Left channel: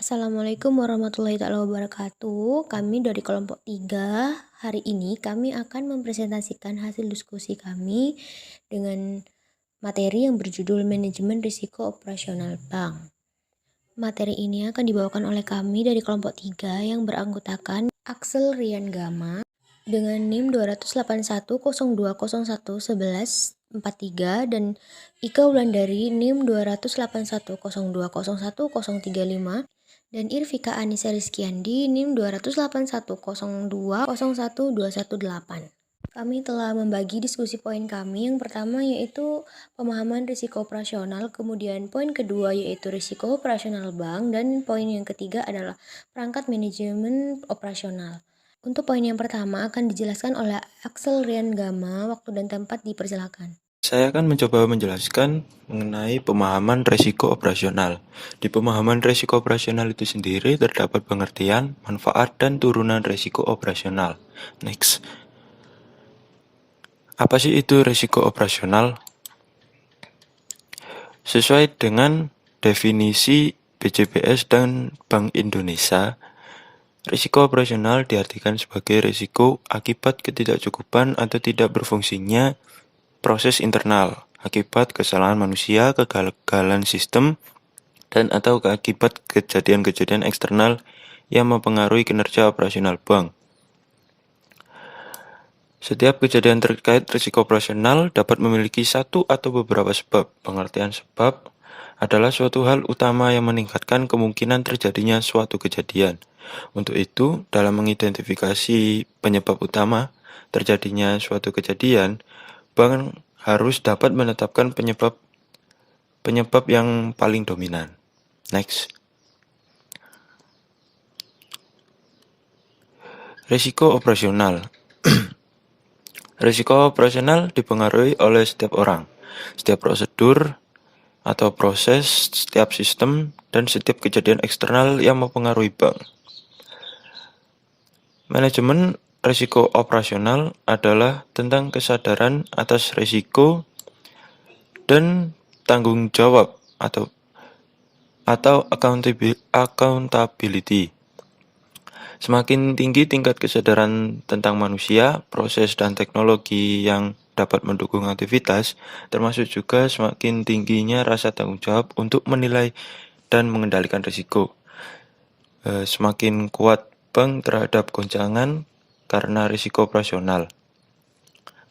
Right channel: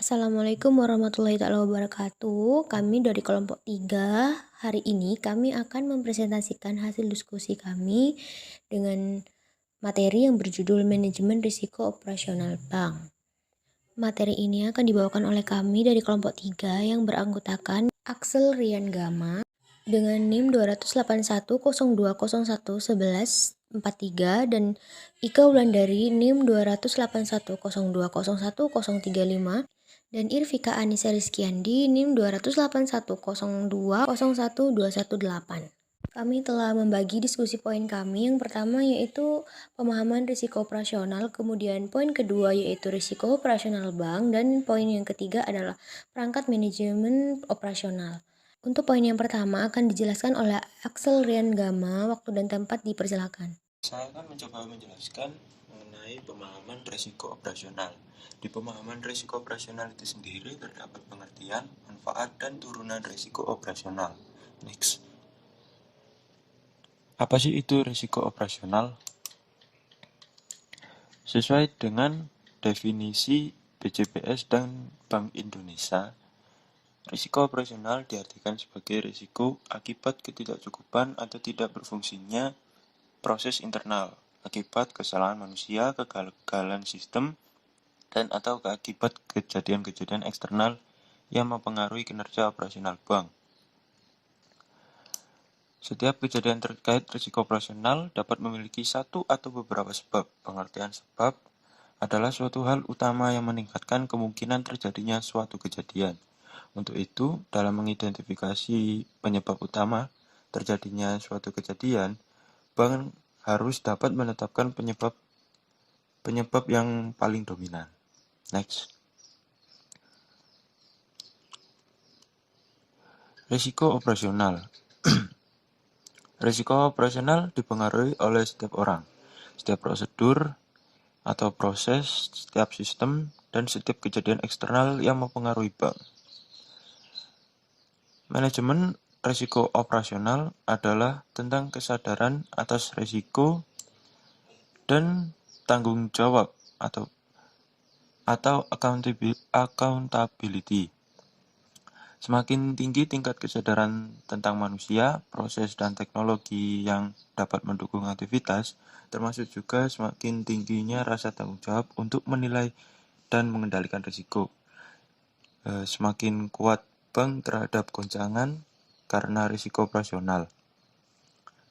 Assalamualaikum warahmatullahi wabarakatuh. Kami dari kelompok 3. Hari ini kami akan mempresentasikan hasil diskusi kami dengan materi yang berjudul Manajemen Risiko Operasional Bank. Materi ini akan dibawakan oleh kami dari kelompok 3 yang beranggotakan Axel Rian Gama dengan NIM 28102011143 dan Ika Wulandari NIM 28102011035 dan Irfika Anissa Rizkyandi NIM 28102012118. Kami telah membagi diskusi poin kami. Yang pertama yaitu pemahaman risiko operasional, kemudian poin kedua yaitu risiko operasional bank, dan poin yang ketiga adalah perangkat manajemen operasional. Untuk poin yang pertama akan dijelaskan oleh Axel Rian Gama. Waktu dan tempat dipersilakan. Saya akan mencoba menjelaskan mengenai pemahaman risiko operasional. Di pemahaman risiko operasional itu sendiri terdapat pengertian, manfaat, dan turunan risiko operasional. Next. Apa sih itu risiko operasional? Sesuai dengan definisi BJBS dan Bank Indonesia, risiko operasional diartikan sebagai risiko akibat ketidakcukupan atau tidak berfungsinya proses internal, akibat kesalahan manusia, kegagalan sistem, dan atau akibat kejadian-kejadian eksternal yang mempengaruhi kinerja operasional bank. Setiap kejadian terkait risiko operasional dapat memiliki satu atau beberapa sebab. Pengertian sebab adalah suatu hal utama yang meningkatkan kemungkinan terjadinya suatu kejadian. Untuk itu, dalam mengidentifikasi penyebab utama terjadinya suatu kejadian, bank harus dapat menetapkan penyebab yang paling dominan. Next. Risiko operasional. Risiko operasional dipengaruhi oleh setiap orang, setiap prosedur atau proses, setiap sistem, dan setiap kejadian eksternal yang mempengaruhi bank. Manajemen risiko operasional adalah tentang kesadaran atas risiko dan tanggung jawab atau accountability. Semakin tinggi tingkat kesadaran tentang manusia, proses, dan teknologi yang dapat mendukung aktivitas, termasuk juga semakin tingginya rasa tanggung jawab untuk menilai dan mengendalikan risiko. Semakin kuat bank terhadap goncangan karena risiko operasional.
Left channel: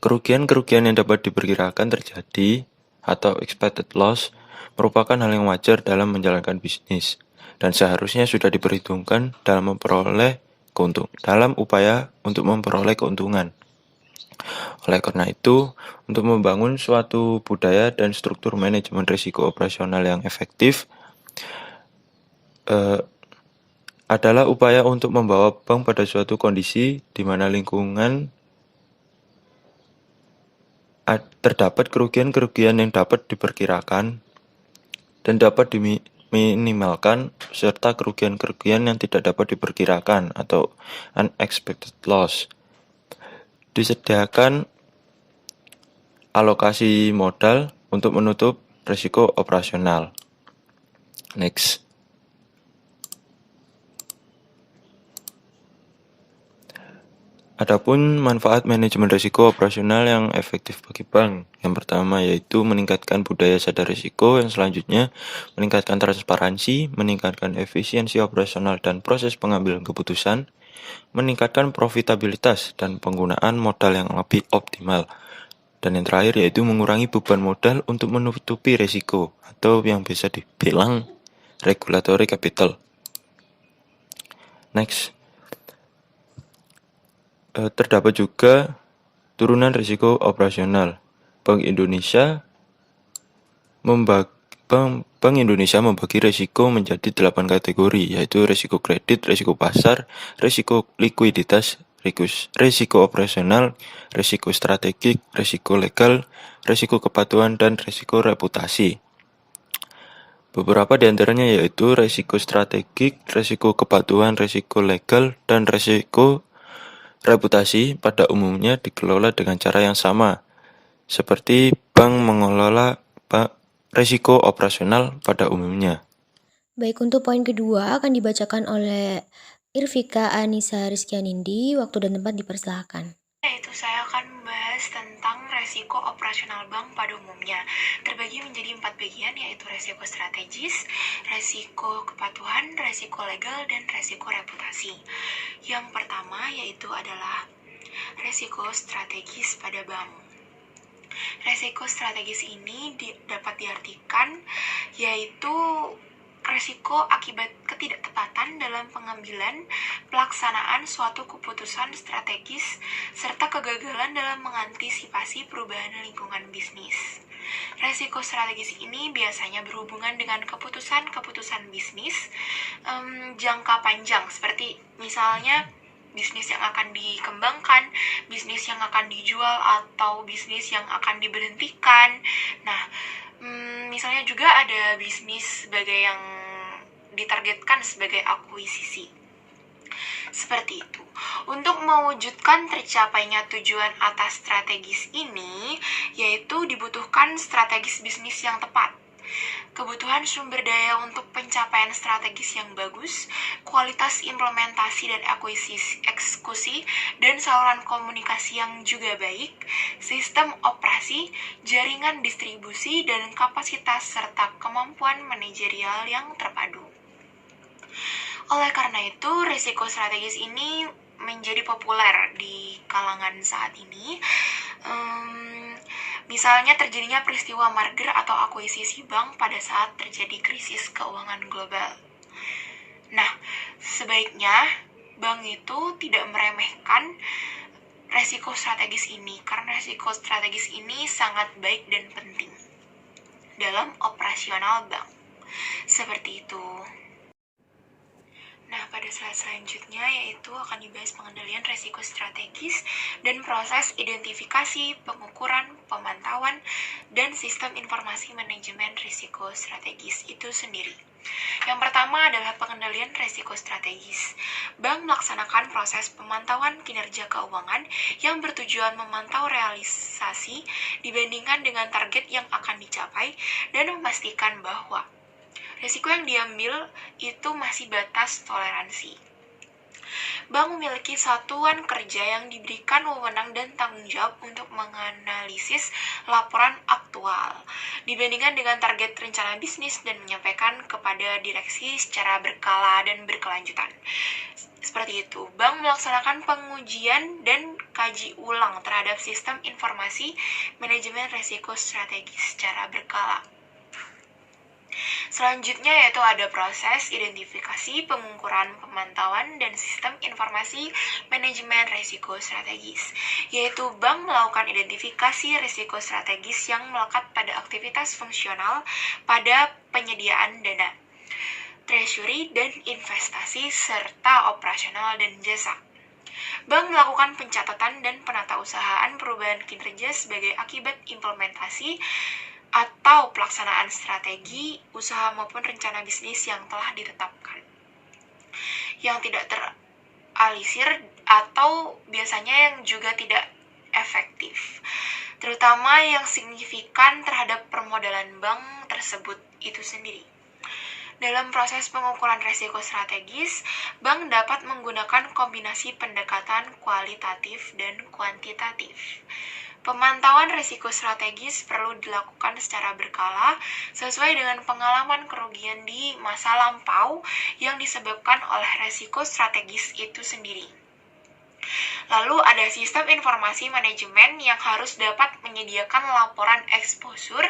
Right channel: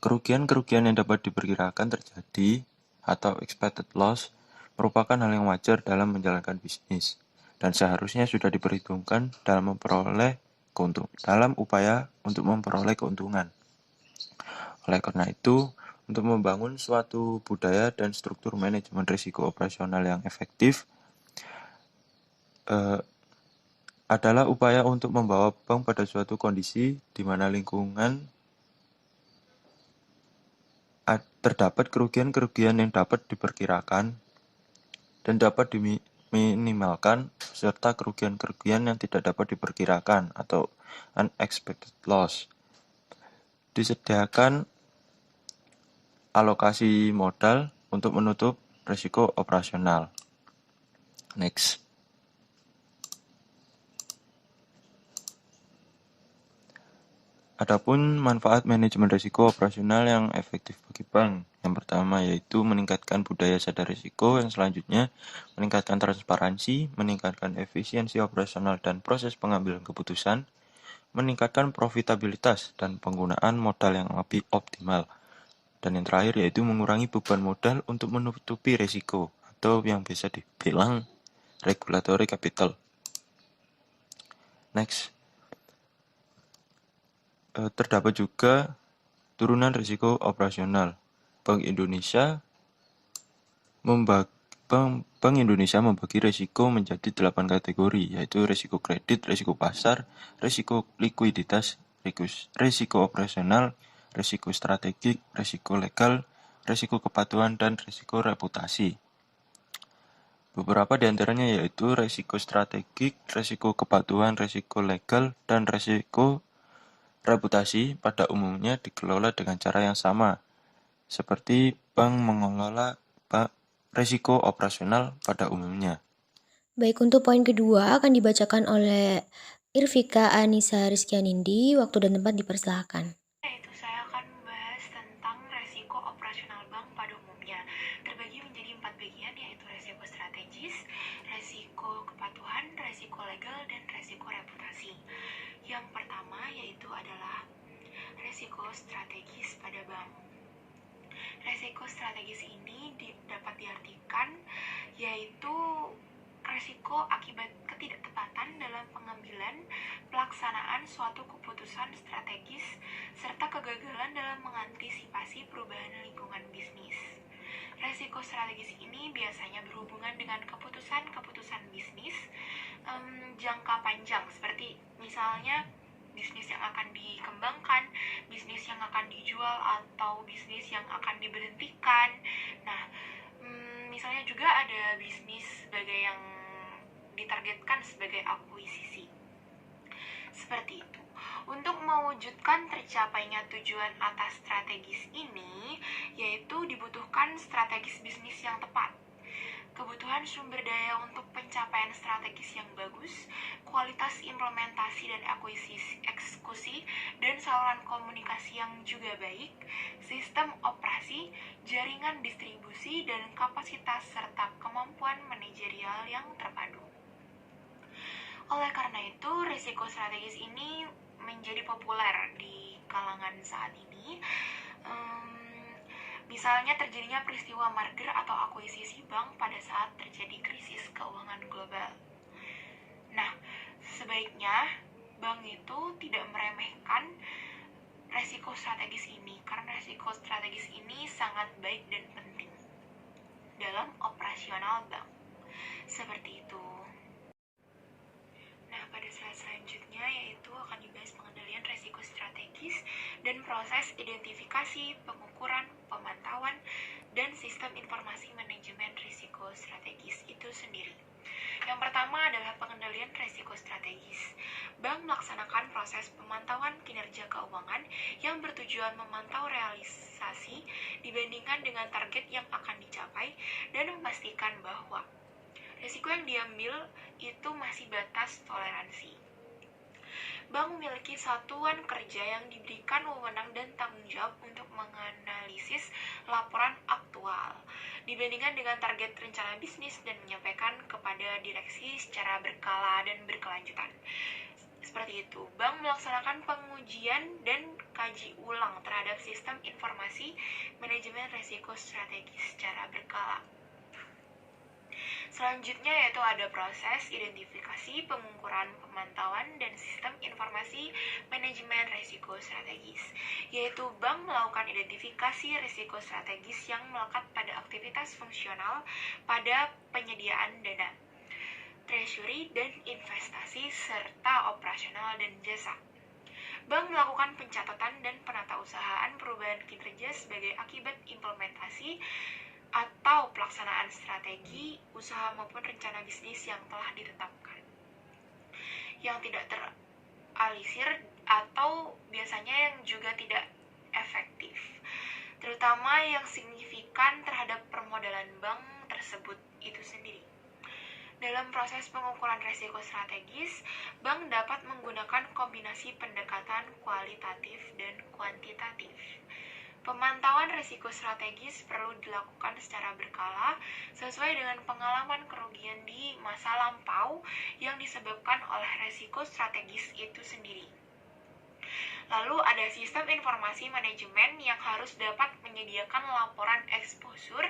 Kerugian-kerugian yang dapat diperkirakan terjadi atau expected loss merupakan hal yang wajar dalam menjalankan bisnis dan seharusnya sudah diperhitungkan dalam upaya untuk memperoleh keuntungan. Oleh karena itu, untuk membangun suatu budaya dan struktur manajemen risiko operasional yang efektif adalah upaya untuk membawa bank pada suatu kondisi di mana lingkungan terdapat kerugian-kerugian yang dapat diperkirakan dan dapat diminimalkan serta kerugian-kerugian yang tidak dapat diperkirakan atau unexpected loss. Disediakan alokasi modal untuk menutup risiko operasional. Next. Adapun manfaat manajemen risiko operasional yang efektif bagi bank. Yang pertama yaitu meningkatkan budaya sadar risiko, yang selanjutnya meningkatkan transparansi, meningkatkan efisiensi operasional dan proses pengambilan keputusan, meningkatkan profitabilitas dan penggunaan modal yang lebih optimal. Dan yang terakhir yaitu mengurangi beban modal untuk menutupi risiko atau yang bisa dibilang regulatory capital. Next. Terdapat juga turunan risiko operasional. Bank Indonesia membagi risiko menjadi 8 kategori, yaitu risiko kredit, risiko pasar, risiko likuiditas, risiko operasional, risiko strategik, risiko legal, risiko kepatuhan, dan risiko reputasi. Beberapa di antaranya yaitu risiko strategik, risiko kepatuhan, risiko legal, dan risiko reputasi pada umumnya dikelola dengan cara yang sama, seperti bank mengelola risiko operasional pada umumnya. Baik, untuk poin kedua akan dibacakan oleh Irvika Anissa Rizkyanindi. Waktu dan tempat dipersilahkan. Yaitu saya akan membahas tentang resiko operasional bank pada umumnya. Terbagi menjadi 4 bagian, yaitu resiko strategis, resiko kepatuhan, resiko legal, dan resiko reputasi. Yang pertama yaitu adalah resiko strategis pada bank. Resiko strategis ini dapat diartikan yaitu resiko akibat ketidaktepatan dalam pengambilan pelaksanaan suatu keputusan strategis serta kegagalan dalam mengantisipasi perubahan lingkungan bisnis. Resiko strategis ini biasanya berhubungan dengan keputusan-keputusan bisnis jangka panjang, seperti misalnya bisnis yang akan dikembangkan, bisnis yang akan dijual, atau bisnis yang akan diberhentikan. Nah, misalnya juga ada bisnis sebagai yang ditargetkan sebagai akuisisi. Seperti itu. Untuk mewujudkan tercapainya tujuan atas strategis ini, yaitu dibutuhkan strategis bisnis yang tepat, kebutuhan sumber daya untuk pencapaian strategis yang bagus, kualitas implementasi dan eksekusi, dan saluran komunikasi yang juga baik, sistem operasi, jaringan distribusi, dan kapasitas serta kemampuan manajerial yang terpadu. Oleh karena itu, risiko strategis ini menjadi populer di kalangan saat ini. Misalnya terjadinya peristiwa merger atau akuisisi bank pada saat terjadi krisis keuangan global. Nah, sebaiknya bank itu tidak meremehkan resiko strategis ini, karena resiko strategis ini sangat baik dan penting dalam operasional bank. Seperti itu. Nah, pada slide selanjutnya yaitu akan dibahas pengendalian resiko strategis dan proses identifikasi, pengukuran, pemantauan, dan sistem informasi manajemen risiko strategis itu sendiri. Yang pertama adalah pengendalian risiko strategis. Bank melaksanakan proses pemantauan kinerja keuangan yang bertujuan memantau realisasi dibandingkan dengan target yang akan dicapai dan memastikan bahwa risiko yang diambil itu masih batas toleransi. Bank memiliki satuan kerja yang diberikan wewenang dan tanggung jawab untuk menganalisis laporan aktual dibandingkan dengan target rencana bisnis dan menyampaikan kepada direksi secara berkala dan berkelanjutan. Seperti itu, bank melaksanakan pengujian dan kaji ulang terhadap sistem informasi manajemen risiko strategis secara berkala. Selanjutnya yaitu ada proses identifikasi, pengukuran, pemantauan, dan sistem informasi manajemen risiko strategis, yaitu bank melakukan identifikasi risiko strategis yang melekat pada aktivitas fungsional pada penyediaan dana, treasury, dan investasi, serta operasional dan jasa. Bank melakukan pencatatan dan penatausahaan perubahan kinerja sebagai akibat implementasi atau pelaksanaan strategi, usaha maupun rencana bisnis yang telah ditetapkan, yang tidak terrealisir atau biasanya yang juga tidak efektif, terutama yang signifikan terhadap permodalan bank tersebut itu sendiri. Dalam proses pengukuran risiko strategis, bank dapat menggunakan kombinasi pendekatan kualitatif dan kuantitatif. Pemantauan risiko strategis perlu dilakukan secara berkala sesuai dengan pengalaman kerugian di masa lampau yang disebabkan oleh risiko strategis itu sendiri. Lalu ada sistem informasi manajemen yang harus dapat menyediakan laporan eksposur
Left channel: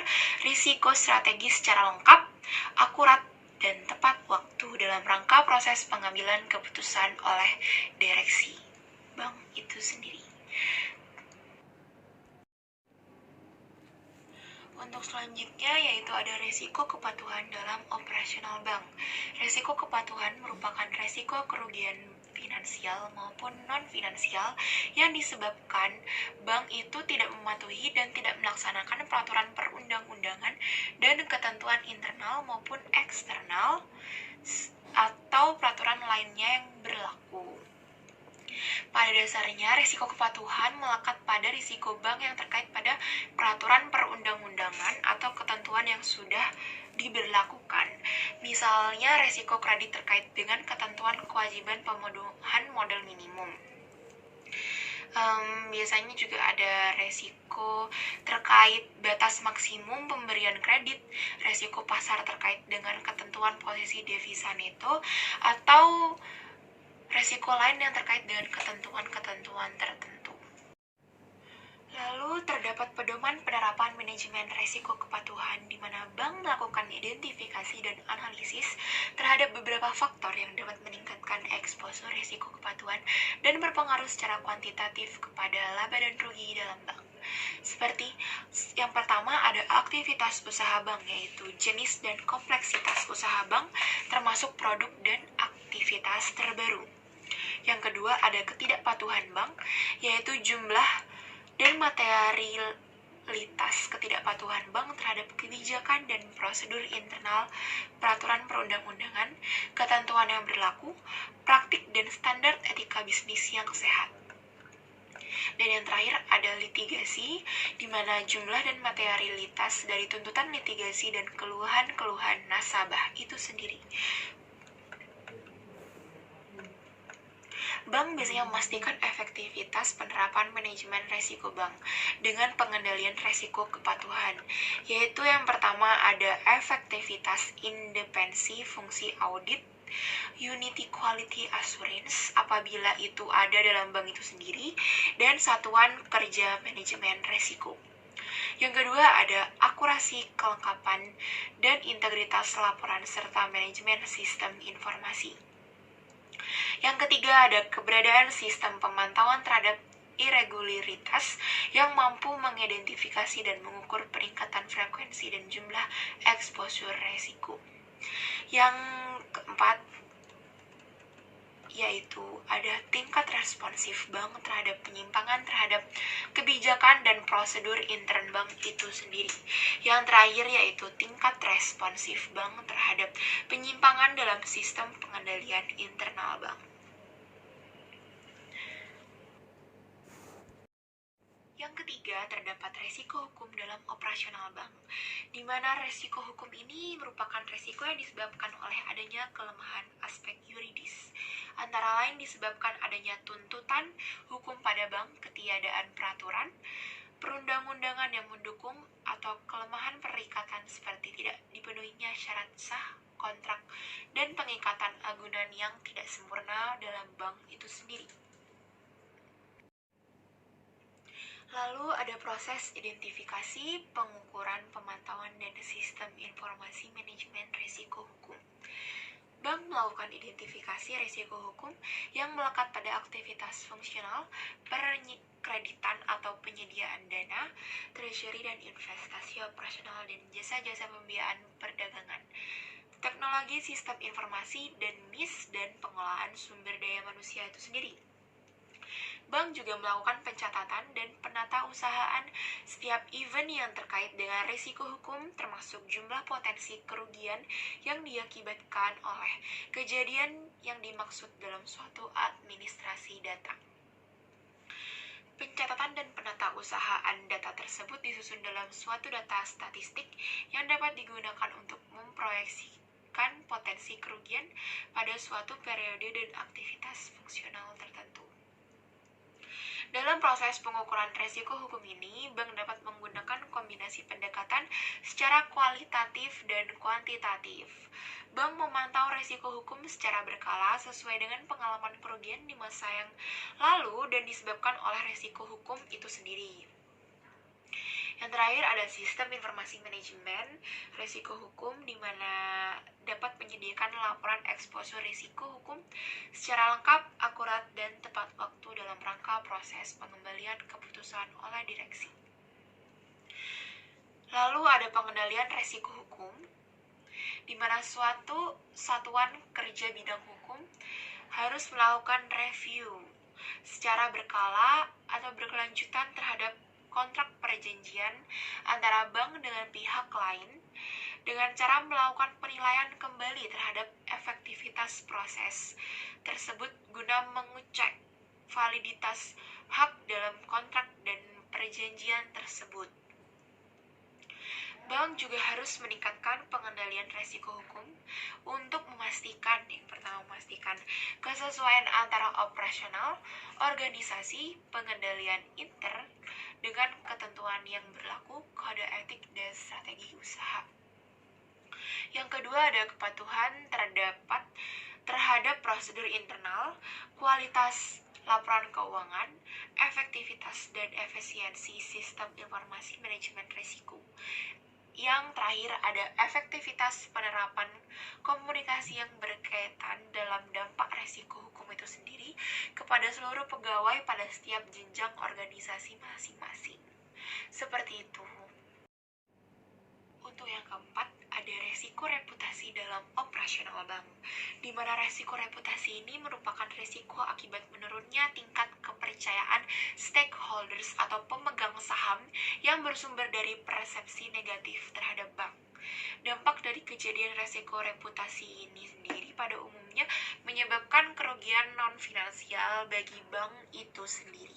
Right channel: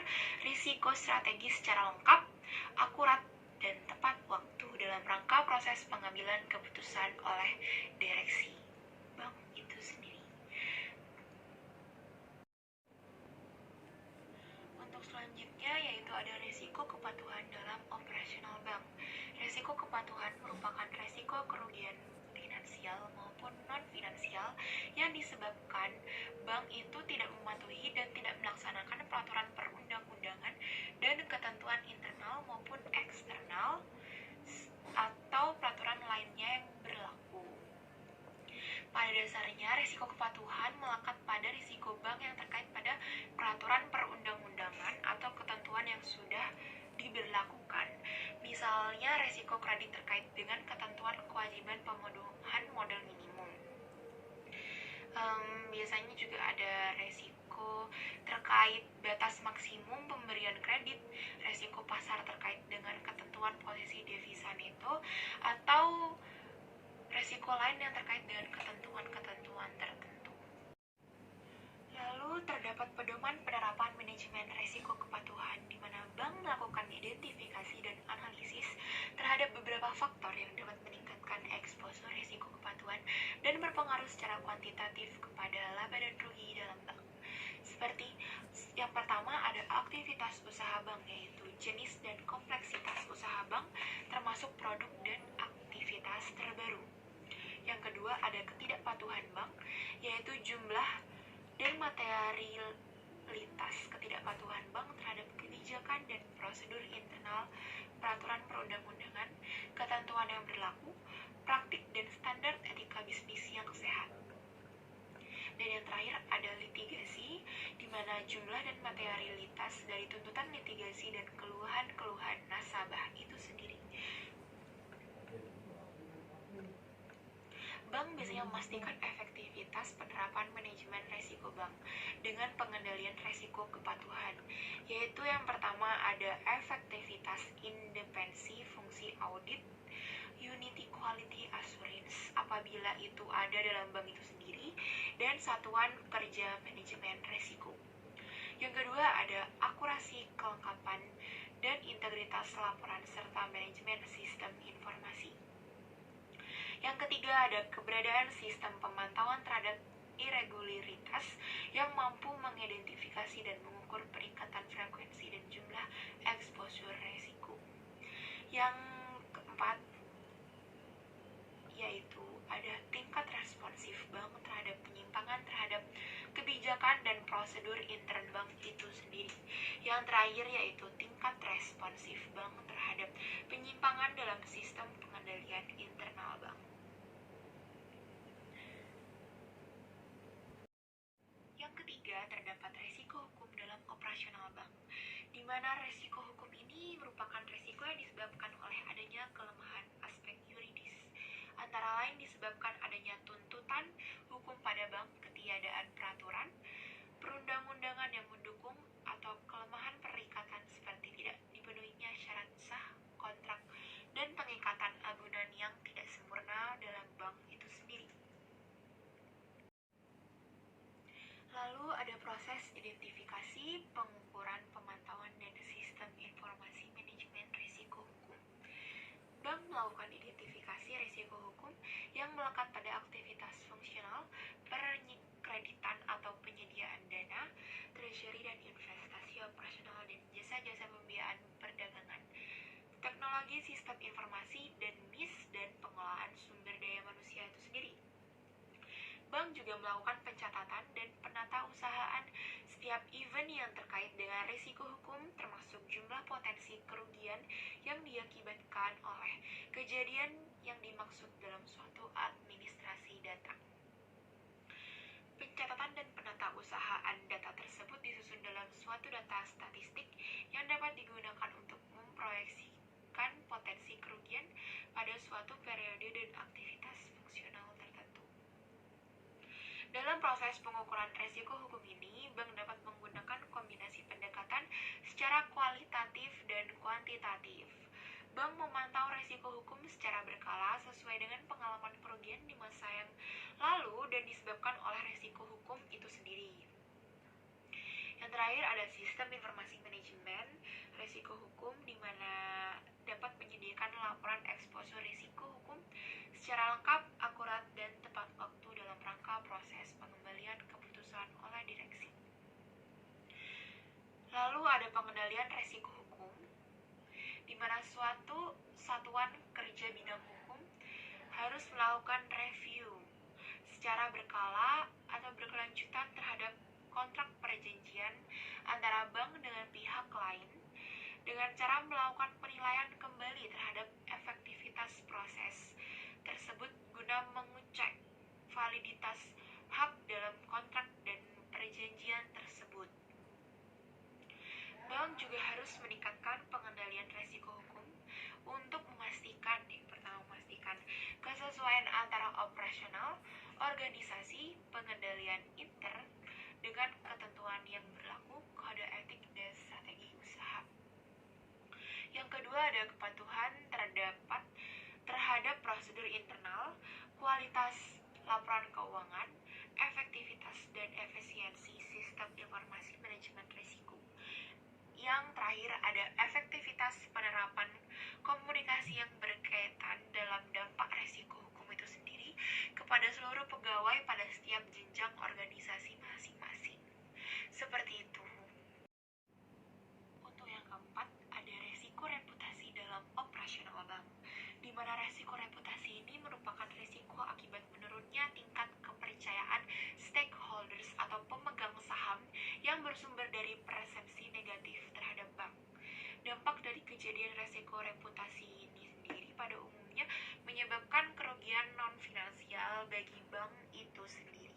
risiko strategis secara lengkap, akurat, dan tepat waktu dalam rangka proses pengambilan keputusan oleh direksi bank itu sendiri. Untuk selanjutnya yaitu ada risiko kepatuhan dalam operasional bank. Risiko kepatuhan merupakan risiko kerugian finansial maupun non-finansial yang disebabkan bank itu tidak mematuhi dan tidak melaksanakan peraturan perundang-undangan dan ketentuan internal maupun eksternal atau peraturan lainnya yang berlaku. Pada dasarnya, risiko kepatuhan melekat pada risiko bank yang terkait pada peraturan perundang-undangan atau ketentuan yang sudah diberlakukan. Misalnya resiko kredit terkait dengan ketentuan kewajiban pemenuhan modal minimum. Biasanya juga ada resiko terkait batas maksimum pemberian kredit, resiko pasar terkait dengan ketentuan posisi devisa neto, atau resiko lain yang terkait dengan ketentuan-ketentuan tertentu. Lalu terdapat pedoman penerapan manajemen resiko kepatuhan di mana bank melakukan identifikasi dan analisis terhadap beberapa faktor yang dapat meningkatkan eksposur resiko kepatuhan dan berpengaruh secara kuantitatif kepada laba dan rugi dalam bank. Seperti yang pertama ada aktivitas usaha bank, yaitu jenis dan kompleksitas usaha bank termasuk produk dan aktivitas terbaru. Yang kedua ada ketidakpatuhan bank, yaitu jumlah dan materialitas ketidakpatuhan bank terhadap kebijakan dan prosedur internal, peraturan perundang-undangan, ketentuan yang berlaku, praktik dan standar etika bisnis yang sehat. Dan yang terakhir ada litigasi, di mana jumlah dan materialitas dari tuntutan litigasi dan keluhan-keluhan nasabah itu sendiri. Bank biasanya memastikan efektivitas penerapan manajemen resiko bank dengan pengendalian resiko kepatuhan, yaitu yang pertama ada efektivitas independensi fungsi audit, unity quality assurance apabila itu ada dalam bank itu sendiri, dan satuan kerja manajemen resiko. Yang kedua ada akurasi kelengkapan dan integritas laporan serta manajemen sistem informasi. Yang ketiga ada keberadaan sistem pemantauan terhadap irregularitas yang mampu mengidentifikasi dan mengukur peningkatan frekuensi dan jumlah exposure resiko. Yang keempat yaitu ada tingkat responsif bank terhadap penyimpangan terhadap kebijakan dan prosedur intern bank itu sendiri. Yang terakhir yaitu tingkat responsif bank terhadap penyimpangan dalam sistem pengendalian internal bank. Yang ketiga, terdapat resiko hukum dalam operasional bank, di mana resiko hukum ini merupakan resiko yang disebabkan oleh adanya kelemahan aspek yuridis, antara lain disebabkan adanya tuntutan hukum pada bank, ketiadaan peraturan, perundang-undangan yang mendukung, atau kelemahan perikatan seperti tidak dipenuhinya syarat sah kontrak dan pengikatan agunan yang tidak sempurna dalam bank itu sendiri. Lalu ada proses identifikasi, pengukuran, pemantauan, dan sistem informasi manajemen risiko hukum. Bank melakukan identifikasi risiko hukum yang melekat pada aktivitas fungsional, perkreditan atau penyediaan dana, treasury dan investasi operasional, dan jasa-jasa pembiayaan perdagangan, teknologi sistem informasi, dan MIS, dan pengelolaan sumber daya manusia itu sendiri. Bank juga melakukan pencatatan dan penatausahaan setiap event yang terkait dengan risiko hukum, termasuk jumlah potensi kerugian yang diakibatkan oleh kejadian yang dimaksud dalam suatu administrasi data. Pencatatan dan penatausahaan data tersebut disusun dalam suatu data statistik yang dapat digunakan untuk memproyeksikan potensi kerugian pada suatu periode dan aktivitas fungsional tertentu. Dalam proses pengukuran risiko hukum ini, bank dapat menggunakan kombinasi pendekatan secara kualitatif dan kuantitatif. Bank memantau risiko hukum secara berkala sesuai dengan pengalaman kerugian di masa yang lalu dan disebabkan oleh risiko hukum itu sendiri. Yang terakhir ada sistem informasi manajemen risiko hukum, di mana dapat menyediakan laporan eksposur risiko hukum secara lengkap, akurat, dan tepat waktu dalam rangka proses pengembalian keputusan oleh direksi. Lalu ada pengendalian risiko hukum, di mana suatu satuan kerja bidang hukum harus melakukan review secara berkala atau berkelanjutan terhadap kontrak perjanjian antara bank dengan pihak lain dengan cara melakukan penilaian kembali terhadap efektivitas proses tersebut guna mengecek validitas hak dalam kontrak dan perjanjian tersebut. Bank juga harus meningkatkan pengendalian risiko hukum Untuk memastikan, yang pertama memastikan kesesuaian antara operasional, organisasi, pengendalian inter dengan ketentuan yang berlaku, kode etik dan strategi usaha. Yang kedua ada kepatuhan terhadap prosedur internal, kualitas laporan keuangan, efektivitas dan efisiensi sistem informasi manajemen risiko. Yang terakhir ada efektivitas penerapan komunikasi yang berkaitan dalam dampak risiko hukum itu sendiri kepada seluruh pegawai pada setiap jenjang organisasi masing-masing. Seperti itu. Untuk yang keempat, ada resiko reputasi dalam operasional bank, di mana resiko reputasi ini merupakan resiko akibat menurunnya tingkat kepercayaan stakeholders atau pemegang saham yang bersumber dari persepsi negatif terhadap bank. Dampak dari kejadian resiko reputasi ini sendiri pada umumnya menyebabkan kerugian non-finansial bagi bank itu sendiri.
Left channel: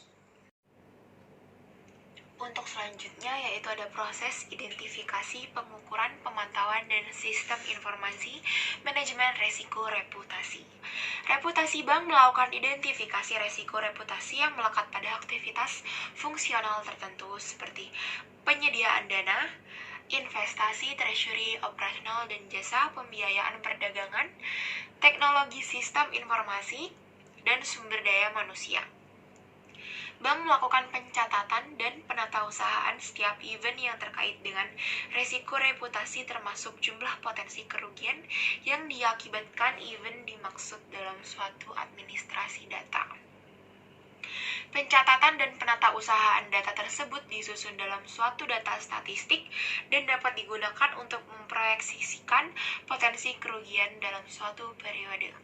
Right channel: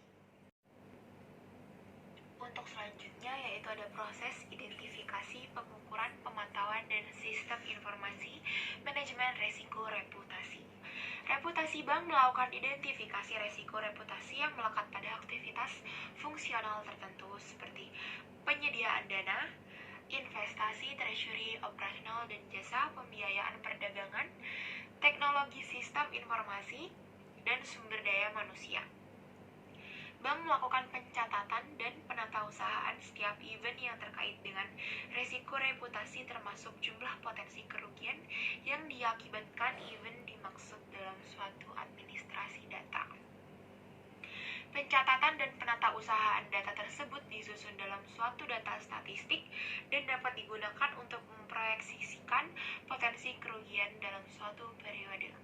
Untuk selanjutnya yaitu ada proses identifikasi, pengukuran, pemantauan, dan sistem informasi manajemen resiko reputasi. Reputasi bank melakukan identifikasi resiko reputasi yang melekat pada aktivitas fungsional tertentu seperti penyediaan dana, investasi, treasury, operasional, dan jasa, pembiayaan perdagangan, teknologi sistem informasi, dan sumber daya manusia. Bank melakukan pencatatan dan penatausahaan setiap event yang terkait dengan resiko reputasi termasuk jumlah potensi kerugian yang diakibatkan event dimaksud dalam suatu administrasi data. Pencatatan dan penatausahaan data tersebut disusun dalam suatu data statistik dan dapat digunakan untuk memproyeksikan potensi kerugian dalam suatu periode.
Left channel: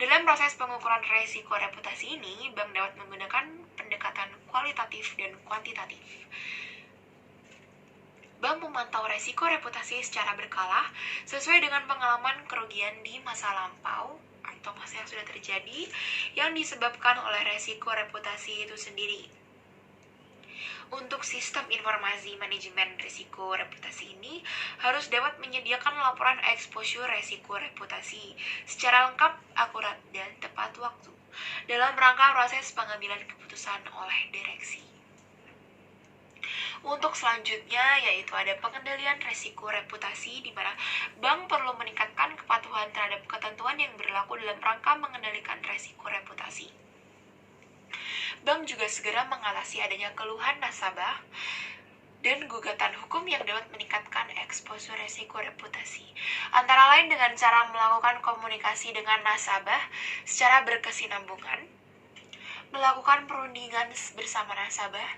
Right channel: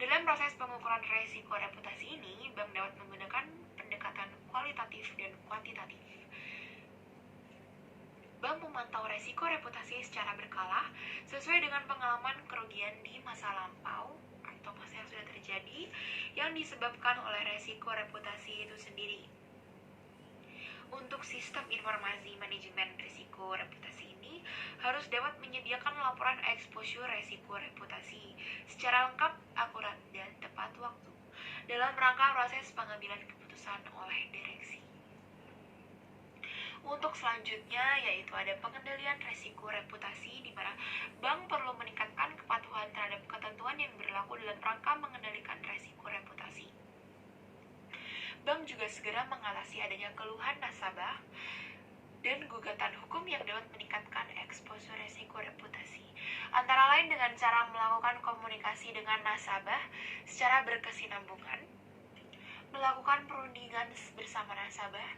Dalam proses pengukuran risiko reputasi ini, bank dapat menggunakan pendekatan kualitatif dan kuantitatif. Bank memantau risiko reputasi secara berkala sesuai dengan pengalaman kerugian di masa lampau atau masa yang sudah terjadi yang disebabkan oleh risiko reputasi itu sendiri. Untuk sistem informasi manajemen risiko reputasi ini harus dapat menyediakan laporan exposure risiko reputasi secara lengkap, akurat, dan tepat waktu dalam rangka proses pengambilan keputusan oleh direksi. Untuk selanjutnya yaitu ada pengendalian risiko reputasi di mana bank perlu meningkatkan kepatuhan terhadap ketentuan yang berlaku dalam rangka mengendalikan risiko reputasi. Bank juga segera mengatasi adanya keluhan nasabah dan gugatan hukum yang dapat meningkatkan eksposur risiko reputasi. Antara lain dengan cara melakukan komunikasi dengan nasabah secara berkesinambungan, melakukan perundingan bersama nasabah,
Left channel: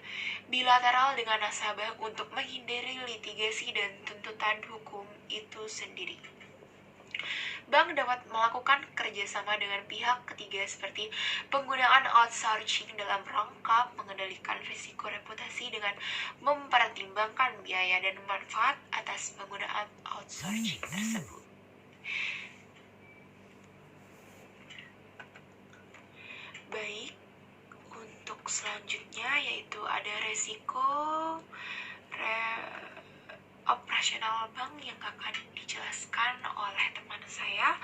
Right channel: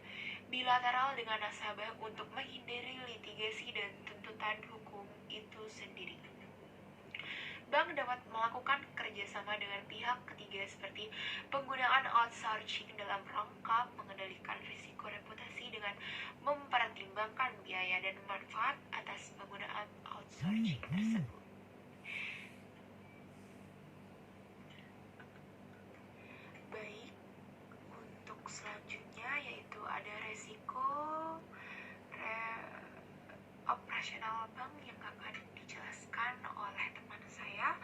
bilateral dengan nasabah untuk menghindari litigasi dan tuntutan hukum itu sendiri. Bank dapat melakukan kerjasama dengan pihak ketiga seperti penggunaan outsourcing dalam rangka mengendalikan risiko reputasi dengan mempertimbangkan biaya dan manfaat atas penggunaan outsourcing tersebut. Baik, untuk selanjutnya yaitu ada risiko operasional bank yang akan dijelaskan oleh teman saya,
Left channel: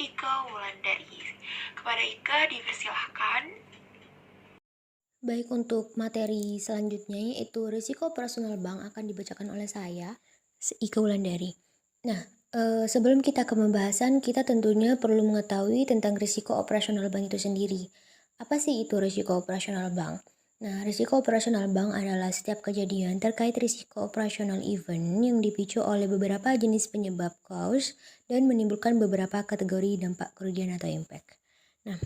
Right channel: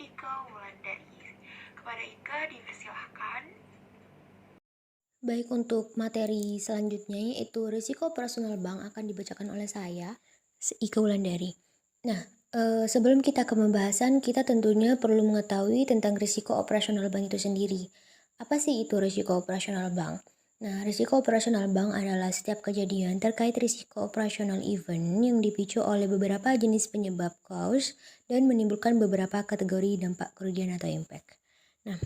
Ika Wulandari. Kepada Ika dipersilahkan. Baik, untuk materi selanjutnya yaitu risiko operasional bank akan dibacakan oleh saya, Ika Wulandari. Nah, sebelum kita ke pembahasan, kita tentunya perlu mengetahui tentang risiko operasional bank itu sendiri. Apa sih itu risiko operasional bank? Nah, risiko operasional bank adalah setiap kejadian terkait risiko operasional event yang dipicu oleh beberapa jenis penyebab cause dan menimbulkan beberapa kategori dampak kerugian atau impact. Nah,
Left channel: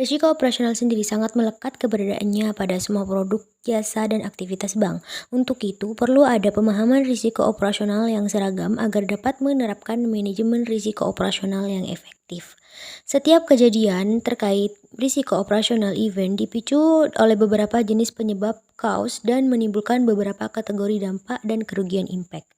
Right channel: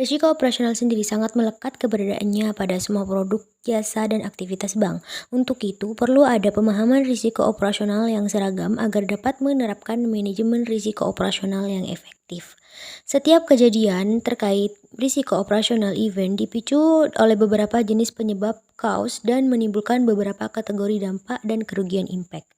risiko operasional sendiri sangat melekat keberadaannya pada semua produk, jasa, dan aktivitas bank. Untuk itu, perlu ada pemahaman risiko operasional yang seragam agar dapat menerapkan manajemen risiko operasional yang efektif. Setiap kejadian terkait risiko operasional event dipicu oleh beberapa jenis penyebab cause dan menimbulkan beberapa kategori dampak dan kerugian impact.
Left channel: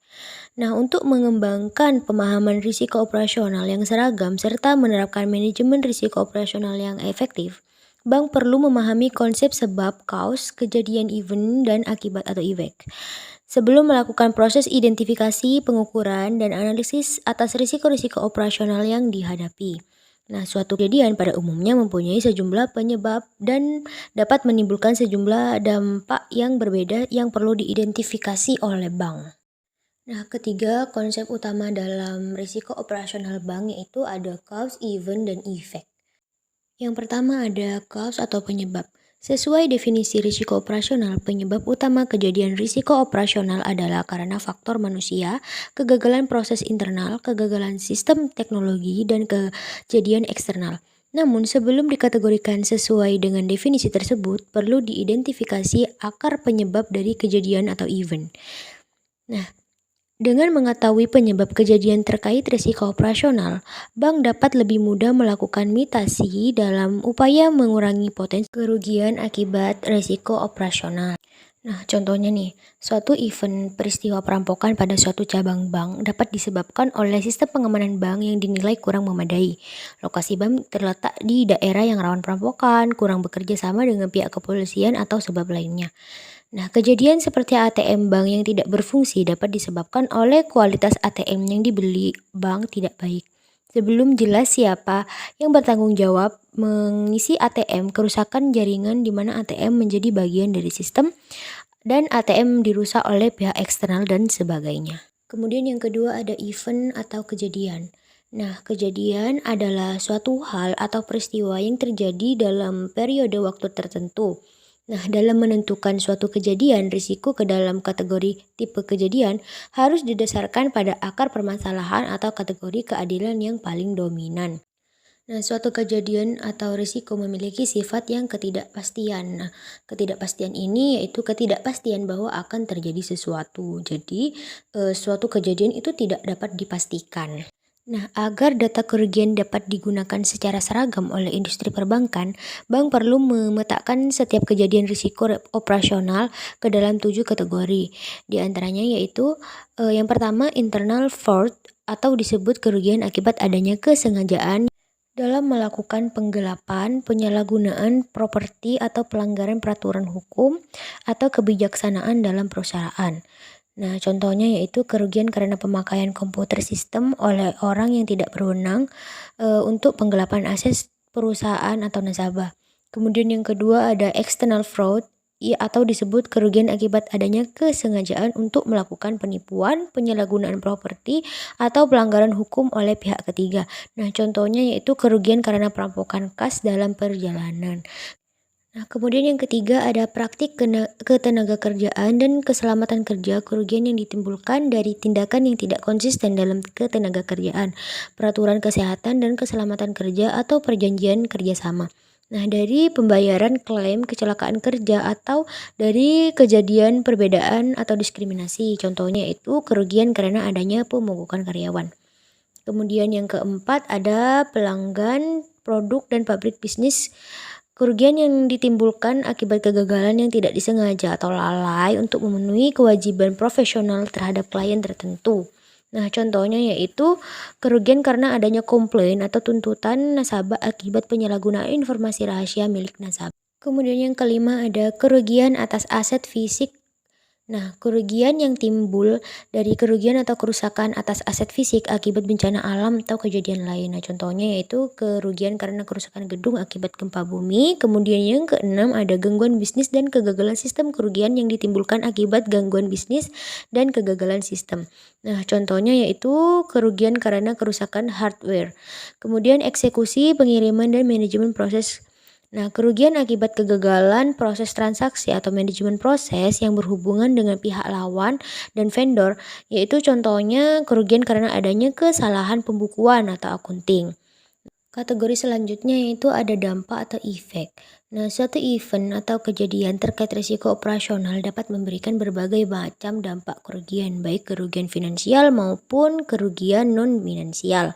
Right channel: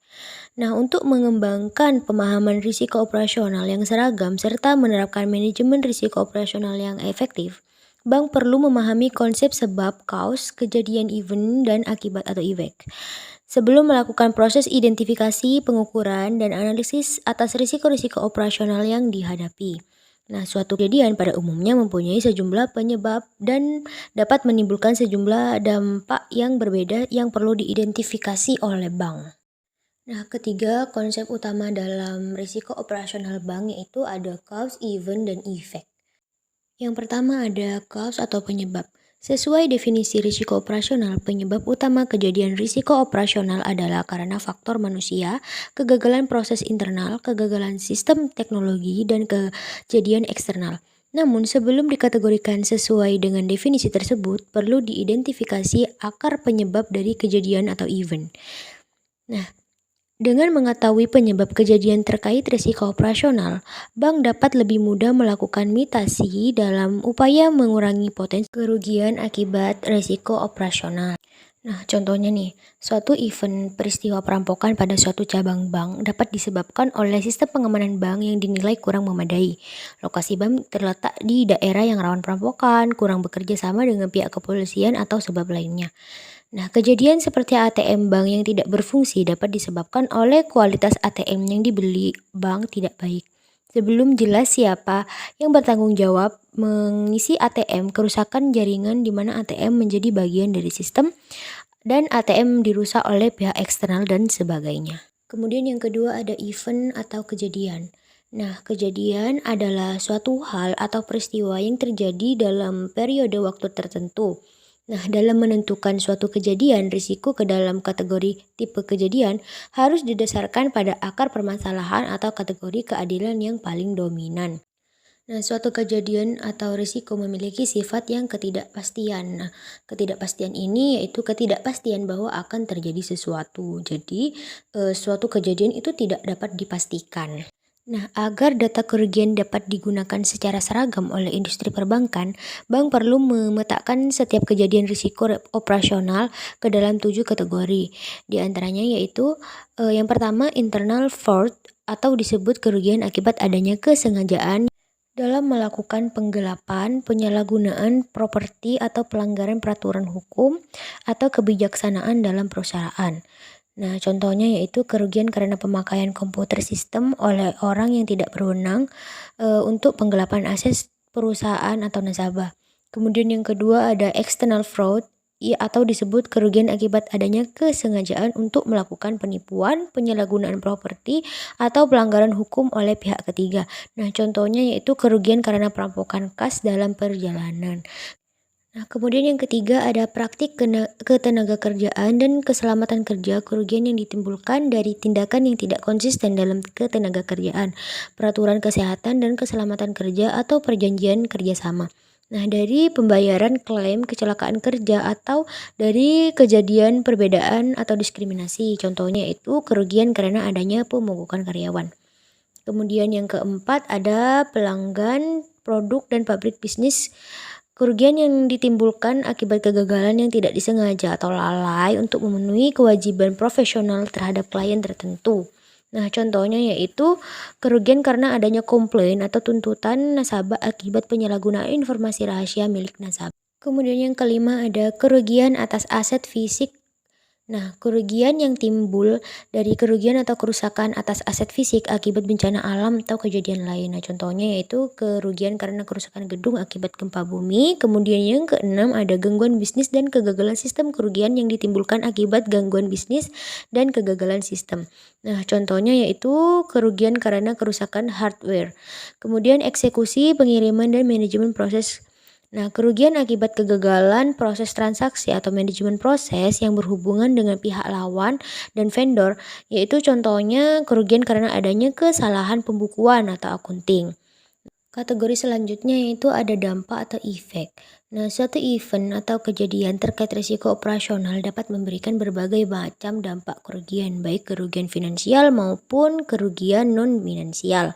Nah, untuk mengembangkan pemahaman risiko operasional yang seragam serta menerapkan manajemen risiko operasional yang efektif, bank perlu memahami konsep sebab, cause, kejadian event, dan akibat atau efek. sebelum melakukan proses identifikasi, pengukuran, dan analisis atas risiko-risiko operasional yang dihadapi. Nah, suatu kejadian pada umumnya mempunyai sejumlah penyebab dan dapat menimbulkan sejumlah dampak yang berbeda yang perlu diidentifikasi oleh bank. Nah, ketiga konsep utama dalam risiko operasional bank yaitu ada cause, event, dan effect. Yang pertama ada cause atau penyebab. Sesuai definisi risiko operasional, penyebab utama kejadian risiko operasional adalah karena faktor manusia, kegagalan proses internal, kegagalan sistem teknologi, dan kejadian eksternal. Namun, sebelum dikategorikan sesuai dengan definisi tersebut, perlu diidentifikasi akar penyebab dari kejadian atau event. Nah, dengan mengetahui penyebab kejadian terkait risiko operasional, bank dapat lebih mudah melakukan mitigasi dalam upaya mengurangi potensi kerugian akibat risiko operasional. Nah, contohnya nih, suatu event peristiwa perampokan pada suatu cabang bank dapat disebabkan oleh sistem pengamanan bank yang dinilai kurang memadai. Lokasi bank terletak di daerah yang rawan perampokan, kurang bekerja sama dengan pihak kepolisian atau sebab lainnya. Nah, kejadian seperti ATM bank yang tidak berfungsi dapat disebabkan oleh kualitas ATM yang dibeli bank tidak baik. Sebelum jelas siapa yang bertanggung jawab mengisi ATM, kerusakan jaringan di mana ATM menjadi bagian dari sistem dan ATM dirusak oleh pihak eksternal dan sebagainya. Kemudian yang kedua ada event atau kejadian. Nah, kejadian adalah suatu hal atau peristiwa yang terjadi dalam periode waktu tertentu. Nah, dalam menentukan suatu kejadian, risiko ke dalam kategori tipe kejadian harus didasarkan pada akar permasalahan atau kategori keadilan yang paling dominan. Nah, suatu kejadian atau risiko memiliki sifat yang ketidakpastian. Nah, ketidakpastian ini yaitu ketidakpastian bahwa akan terjadi sesuatu. Jadi, suatu kejadian itu tidak dapat dipastikan. Nah, agar data kerugian dapat digunakan secara seragam oleh industri perbankan, bank perlu memetakan setiap kejadian risiko operasional ke dalam 7 kategori. Di antaranya yaitu yang pertama internal fraud atau disebut kerugian akibat adanya kesengajaan dalam melakukan penggelapan, penyalahgunaan properti atau pelanggaran peraturan hukum atau kebijaksanaan dalam perusahaan. Nah, contohnya yaitu kerugian karena pemakaian komputer sistem oleh orang yang tidak berwenang untuk penggelapan aset perusahaan atau nasabah. Kemudian yang kedua ada external fraud atau disebut kerugian akibat adanya kesengajaan untuk melakukan penipuan, penyalahgunaan properti, atau pelanggaran hukum oleh pihak ketiga. Nah, contohnya yaitu kerugian karena perampokan kas dalam perjalanan. Nah, kemudian yang ketiga ada praktik ketenagakerjaan dan keselamatan kerja, kerugian yang ditimbulkan dari tindakan yang tidak konsisten dalam ketenagakerjaan, peraturan kesehatan dan keselamatan kerja atau perjanjian kerjasama. Nah, dari pembayaran klaim kecelakaan kerja atau dari kejadian perbedaan atau diskriminasi, contohnya itu kerugian karena adanya pemogokan karyawan. Kemudian yang keempat ada pelanggan, produk, dan pabrik bisnis. Kerugian yang ditimbulkan akibat kegagalan yang tidak disengaja atau lalai untuk memenuhi kewajiban profesional terhadap klien tertentu. Nah, contohnya yaitu kerugian karena adanya komplain atau tuntutan nasabah akibat penyalahgunaan informasi rahasia milik nasabah. Kemudian yang kelima ada kerugian atas aset fisik. Nah, kerugian yang timbul dari kerugian atau kerusakan atas aset fisik akibat bencana alam atau kejadian lain. Nah, contohnya yaitu kerugian karena kerusakan gedung akibat gempa bumi. Kemudian yang keenam ada gangguan bisnis dan kegagalan sistem, kerugian yang ditimbulkan akibat gangguan bisnis dan kegagalan sistem. Nah, contohnya yaitu kerugian karena kerusakan hardware. Kemudian eksekusi, pengiriman, dan manajemen proses. Nah, kerugian akibat kegagalan proses transaksi atau manajemen proses yang berhubungan dengan pihak lawan dan vendor, yaitu contohnya kerugian karena adanya kesalahan pembukuan atau akunting. Kategori selanjutnya yaitu ada dampak atau efek. Nah, suatu event atau kejadian terkait risiko operasional dapat memberikan berbagai macam dampak kerugian, baik kerugian finansial maupun kerugian non-finansial.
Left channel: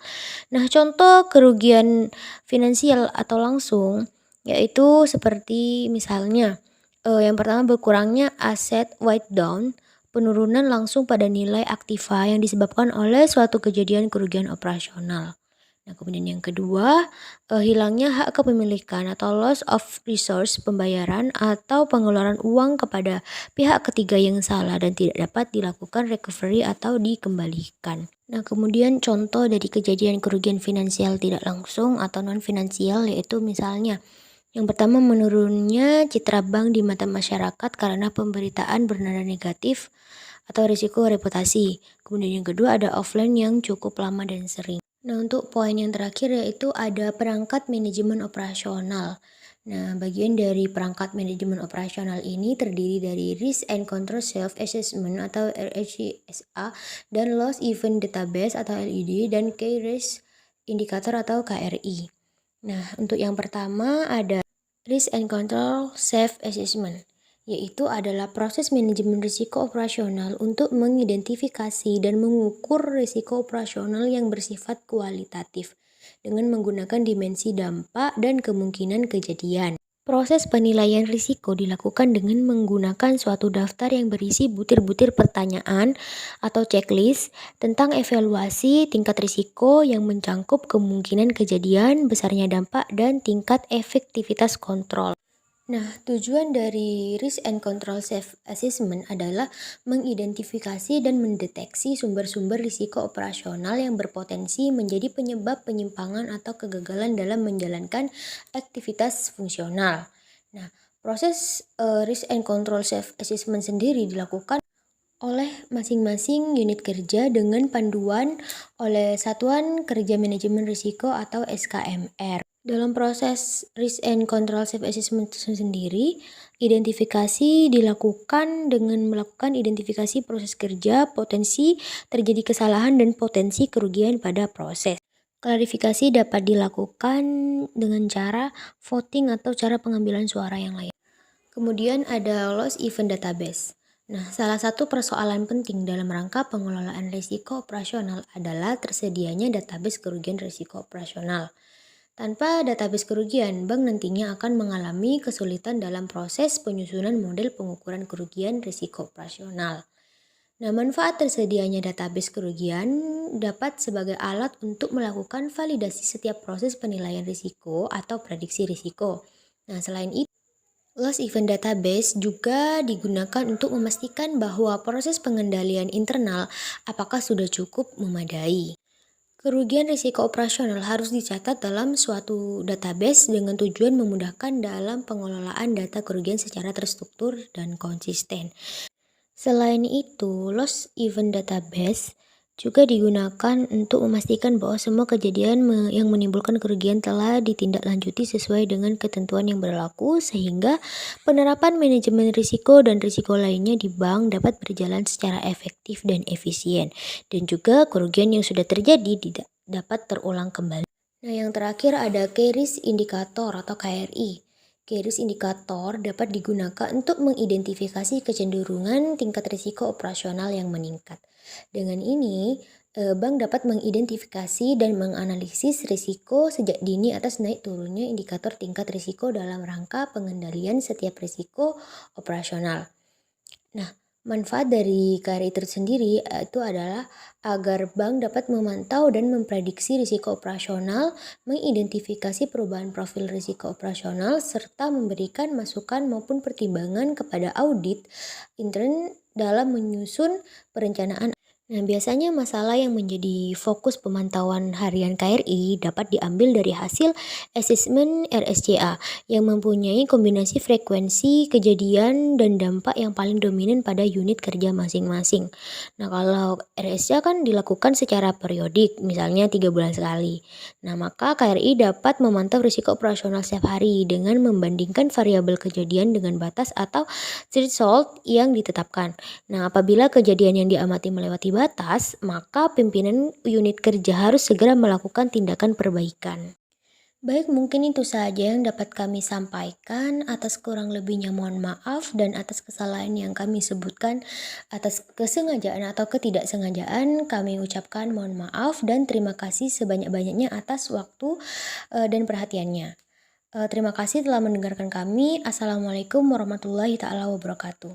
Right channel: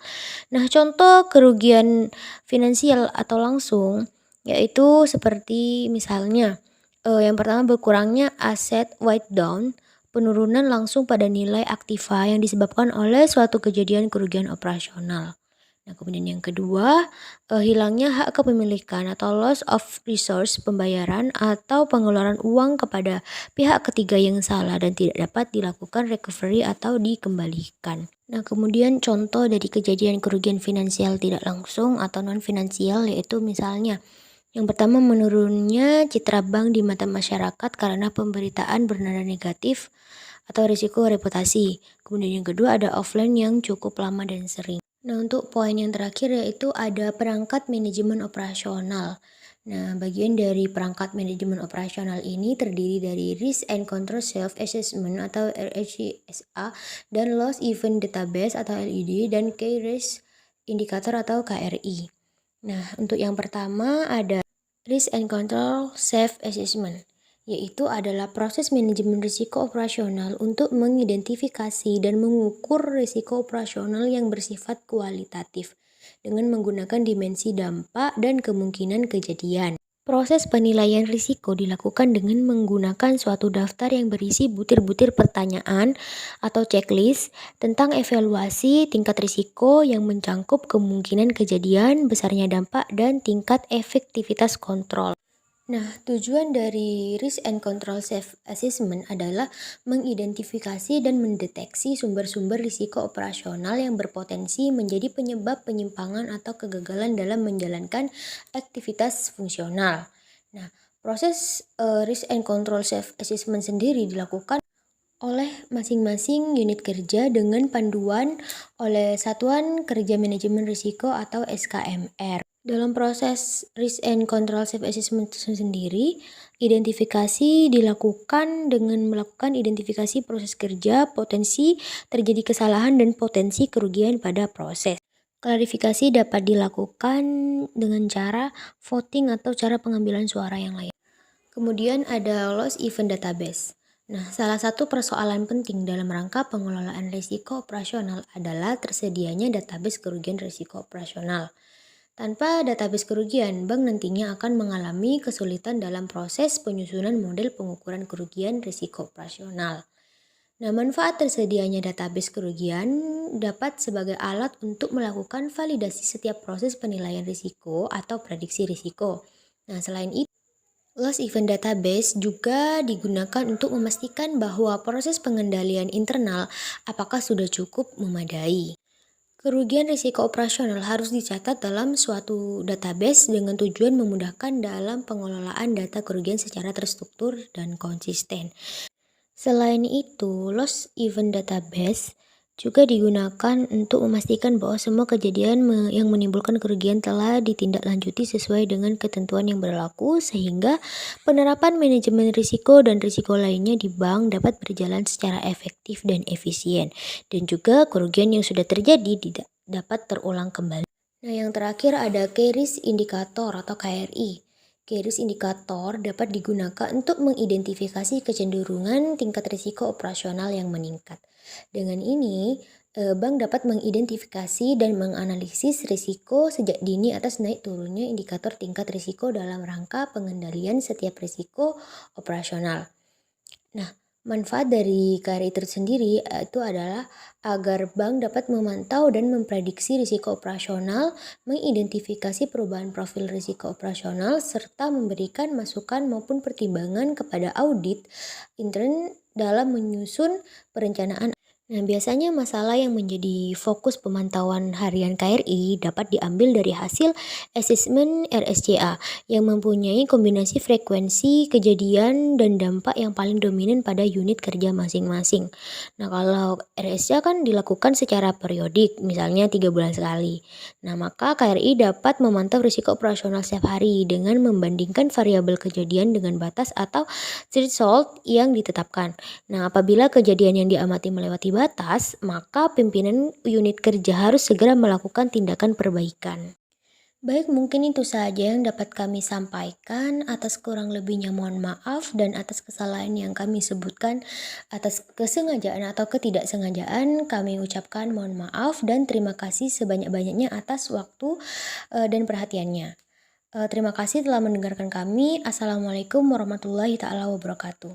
Nah, contoh kerugian finansial atau langsung yaitu seperti misalnya yang pertama berkurangnya aset write down, penurunan langsung pada nilai aktiva yang disebabkan oleh suatu kejadian kerugian operasional. Nah, kemudian yang kedua, hilangnya hak kepemilikan atau loss of resource pembayaran atau pengeluaran uang kepada pihak ketiga yang salah dan tidak dapat dilakukan recovery atau dikembalikan. Nah, kemudian contoh dari kejadian kerugian finansial tidak langsung atau non finansial yaitu misalnya yang pertama menurunnya citra bank di mata masyarakat karena pemberitaan bernada negatif atau risiko reputasi. Kemudian yang kedua ada offline yang cukup lama dan sering. Nah, untuk poin yang terakhir yaitu ada perangkat manajemen operasional. Nah, bagian dari perangkat manajemen operasional ini terdiri dari Risk and Control Self-Assessment atau RSCSA dan Loss Event Database atau LED dan Key Risk Indicator atau KRI. Nah, untuk yang pertama ada Risk and Control Self-Assessment, yaitu adalah proses manajemen risiko operasional untuk mengidentifikasi dan mengukur risiko operasional yang bersifat kualitatif dengan menggunakan dimensi dampak dan kemungkinan kejadian. Proses penilaian risiko dilakukan dengan menggunakan suatu daftar yang berisi butir-butir pertanyaan atau checklist tentang evaluasi tingkat risiko yang mencangkup kemungkinan kejadian, besarnya dampak, dan tingkat efektivitas kontrol. Nah, tujuan dari Risk and Control Self-Assessment adalah mengidentifikasi dan mendeteksi sumber-sumber risiko operasional yang berpotensi menjadi penyebab penyimpangan atau kegagalan dalam menjalankan aktivitas fungsional. Nah, proses Risk and Control Self-Assessment sendiri dilakukan oleh masing-masing unit kerja dengan panduan oleh Satuan Kerja Manajemen Risiko atau SKMR. Dalam proses Risk and Control Self-Assessment sendiri, identifikasi dilakukan dengan melakukan identifikasi proses kerja, potensi terjadi kesalahan, dan potensi kerugian pada proses. Klarifikasi dapat dilakukan dengan cara voting atau cara pengambilan suara yang lain. Kemudian ada Loss Event Database. Nah, salah satu persoalan penting dalam rangka pengelolaan risiko operasional adalah tersedianya database kerugian risiko operasional. Tanpa database kerugian, bank nantinya akan mengalami kesulitan dalam proses penyusunan model pengukuran kerugian risiko operasional. Nah, manfaat tersedianya database kerugian dapat sebagai alat untuk melakukan validasi setiap proses penilaian risiko atau prediksi risiko. Nah, selain itu, Loss Event Database juga digunakan untuk memastikan bahwa proses pengendalian internal apakah sudah cukup memadai. Kerugian risiko operasional harus dicatat dalam suatu database dengan tujuan memudahkan dalam pengelolaan data kerugian secara terstruktur dan konsisten. Selain itu, Loss Event Database juga digunakan untuk memastikan bahwa semua kejadian yang menimbulkan kerugian telah ditindaklanjuti sesuai dengan ketentuan yang berlaku sehingga penerapan manajemen risiko dan risiko lainnya di bank dapat berjalan secara efektif dan efisien, dan juga kerugian yang sudah terjadi tidak dapat terulang kembali. Nah, yang terakhir ada Key Risk Indicator atau KRI. Key Risk Indicator dapat digunakan untuk mengidentifikasi kecenderungan tingkat risiko operasional yang meningkat. Dengan ini, bank dapat mengidentifikasi dan menganalisis risiko sejak dini atas naik turunnya indikator tingkat risiko dalam rangka pengendalian setiap risiko operasional. Nah, manfaat dari KRI tersendiri itu adalah agar bank dapat memantau dan memprediksi risiko operasional, mengidentifikasi perubahan profil risiko operasional, serta memberikan masukan maupun pertimbangan kepada audit intern dalam menyusun perencanaan. Nah, biasanya masalah yang menjadi fokus pemantauan harian KRI dapat diambil dari hasil asesmen RSCA yang mempunyai kombinasi frekuensi, kejadian, dan dampak yang paling dominan pada unit kerja masing-masing. Nah, kalau RSCA kan dilakukan secara periodik, misalnya 3 bulan sekali. Nah, maka KRI dapat memantau risiko operasional setiap hari dengan membandingkan variabel kejadian dengan batas atau threshold yang ditetapkan. Nah, apabila kejadian yang diamati melewati batas, maka pimpinan unit kerja harus segera melakukan tindakan perbaikan. Baik, mungkin itu saja yang dapat kami sampaikan. Atas kurang lebihnya mohon maaf, dan atas kesalahan yang kami sebutkan, atas kesengajaan atau ketidaksengajaan, kami ucapkan mohon maaf dan terima kasih sebanyak-banyaknya atas waktu dan perhatiannya. Terima kasih telah mendengarkan kami. Assalamualaikum warahmatullahi taala wabarakatuh.